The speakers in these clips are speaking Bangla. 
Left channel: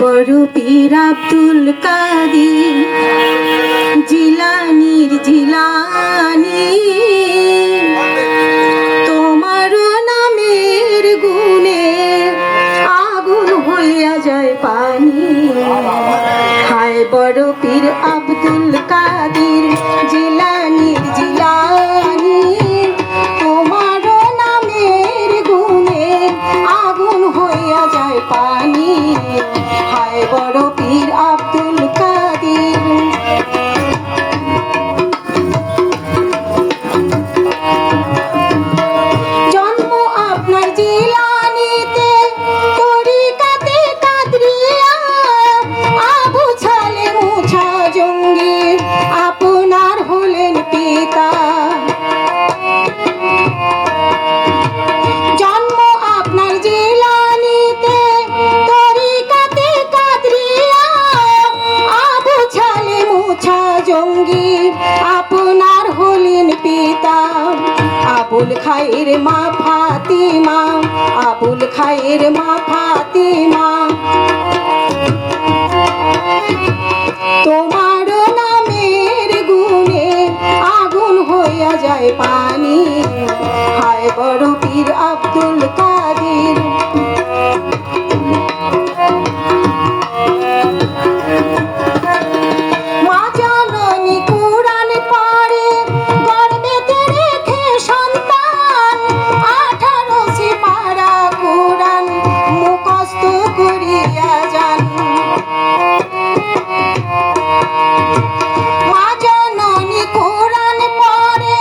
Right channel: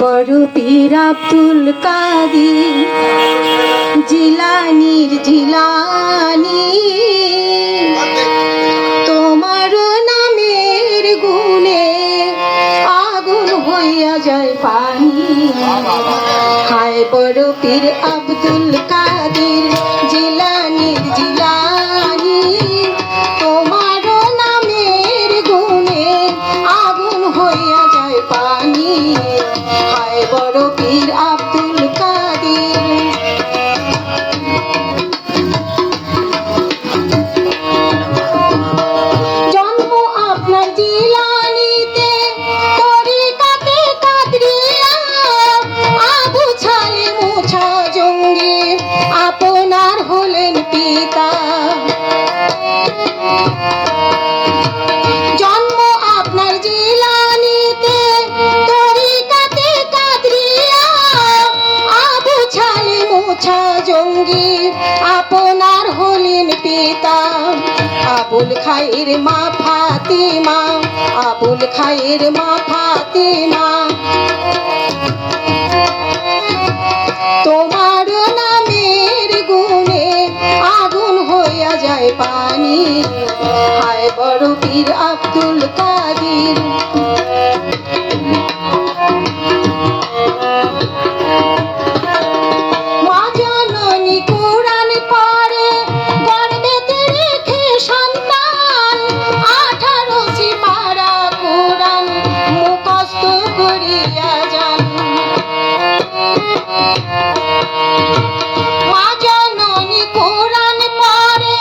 বড় পীর আব্দুল কাদের জিলানীর জিলানী, তোমার নামের গুণে আগুন হইয়া যায় পানি। হায় বড় পীর আব্দুল কাদের জিলানীর জিলানী, তোমার নামের গুণে আগুন হইয়া যায় পানি। হায় বড় পীর আব্দুল কাদের। জন্ম আপনার জিলানীতে, তরিকাতে কাদরিয়া, আবু ছালে মুছা জঙ্গি আপনার হলেন পিতা। জন্ম আপনার জিলানীতে, তরিকাতে কাদরিয়া, আবু ছালে মুছা জঙ্গি আপনার হলেন পিতা। আবুল খায়ের মা ফাতিমা, আবুল খায়ের মা ফাতিমা, তোমার নামের গুণে আগুন হইয়া যায় পানি। হায় বড় পীর আব্দুল কাদের। মা জননী কুরআন পড়ে গর্ভেতে রেখে সন্তান, 18 সিপারা কুরআন মুখস্থ করিয়া যান। মা জননী কুরআন পড়ে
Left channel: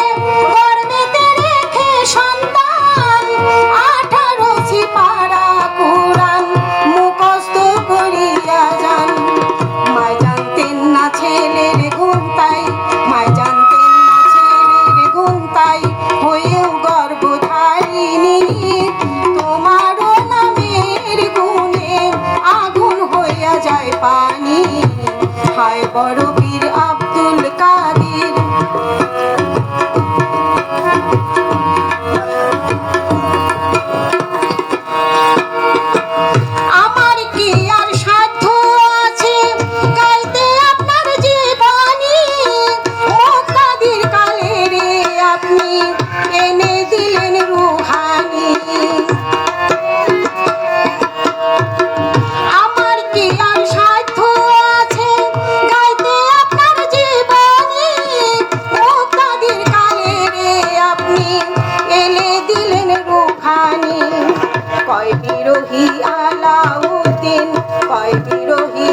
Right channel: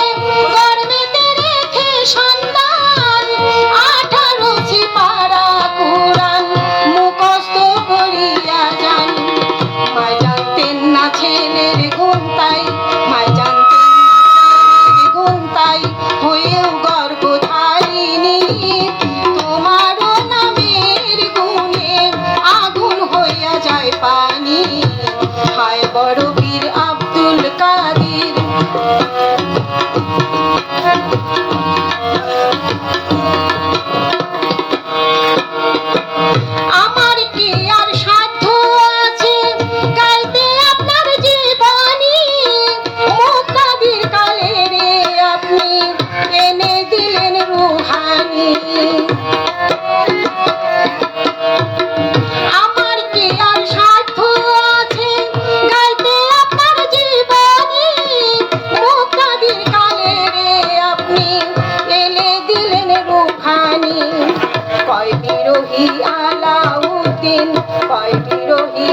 গর্ভেতে রেখে সন্তান, 18 সিপারা কুরআন মুখস্থ করিয়া যান। মায় জানতেন না ছেলের গুণ তাই, মায় জানতেন না ছেলের গুণ তাই, হয়েও গর্ভধারিণী। তোমার নামের গুণে আগুন হইয়া যায় পানি। হায় বড় পীর আব্দুল কাদের। আমার কি আর সাধ্য আছে গাইতে আপনার জীবনী, মুক্তাদির কালে রে আপনি এনে দিলেন রুহানি। আমার কি আর সাধ্য আছে গাইতে আপনার জীবনী, মুক্তাদির কালে রে আপনি এনে দিলেন রুহানি। কয় বিরোহী আলাউদ্দিন, কয় বিরোহী